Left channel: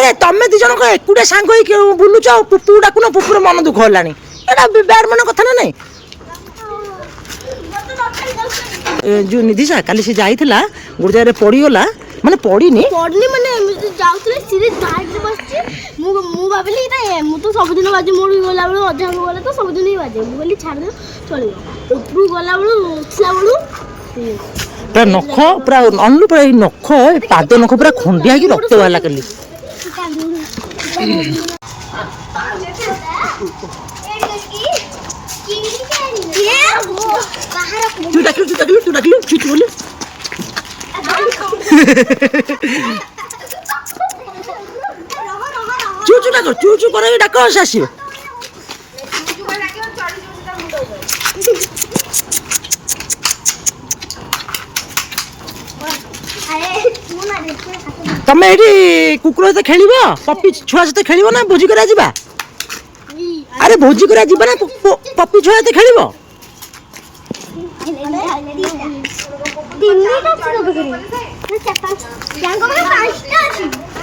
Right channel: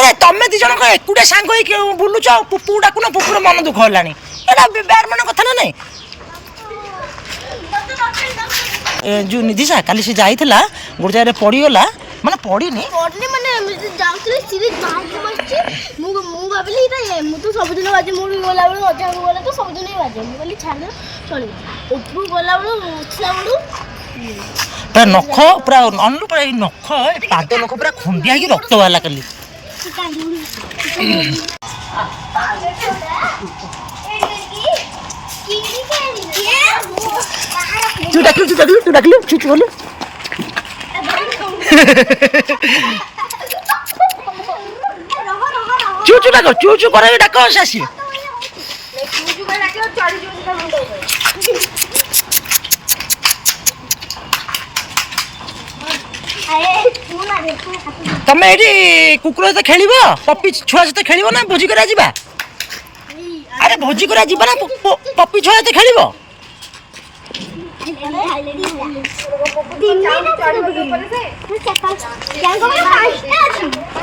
আরে তুমি ଦି ଜଣକ ଏକୁଟିଆ ସାଙ୍ଗ ହେଇକି ବୁଲୁଛ ଆଉ ପୁପୁ ଡାକୁନ ପୁପୁର ମନ ଦୁଃଖ ହେଲାଣି ଏଟା ବ୍ୟାଡ ମାନେ କଥା ନା ନାଇଁ ଯୋଉ ନିଧିଶା କାଲି ସେ ଯାଇଥିଲା ଗୋଟେ ଜାଗାରେ ପଡ଼ିଗଲା ମାନେ ପଡ଼ିନି ମାନେ ଏମିତି ଯାଉଥିଲେ ସିରି ବାଇକ୍ ବସିଛି ମୁଁ ଭାବିଲି ଏଇଟା ମୁଁ ତ ସବୁଦିନ ବାଜେ ମୋର ଗଲାବେଳୁ ଅଧ୍ୟାପକ ଗଲେ ତ ସବୁଦିନ ହିଁ ବାଜେ ମୁଁ କହିଲି ଛାଡ଼ିଦେବ ଚଳିବ ଉପରକୁ ଗଲାବେଳୁ ଉଠିଲା ବେଳୁ ପୁରା ନଖ ପୁରା ଅନଲୁ ପୁରା ଏଇ ନଖ ପାଦ ନଖ ପୁରା ଖଣ୍ଡିଆ ହେଇକି ରକ୍ତ ବାହାରିଲା କାଲି ତୁ ଡାକିଲୁ ଛୁଟି ବୋଲୁ ଚୁ କର ଡାକ ସେ ଆସିବ ତମେ ଏଇଠି କୁକୁର ସହିତ ଖେଳିବ ପପି ଛୁଆ ସହିତ ଖେଳିବ ନା ଭୋଜି କରିବା ଯିବା ଆରେ ଭୋଜି କରିବା ଯିବା ନା ପପି ଛୁଆ ସହିତ ଖେଳିବ ତିନିଟା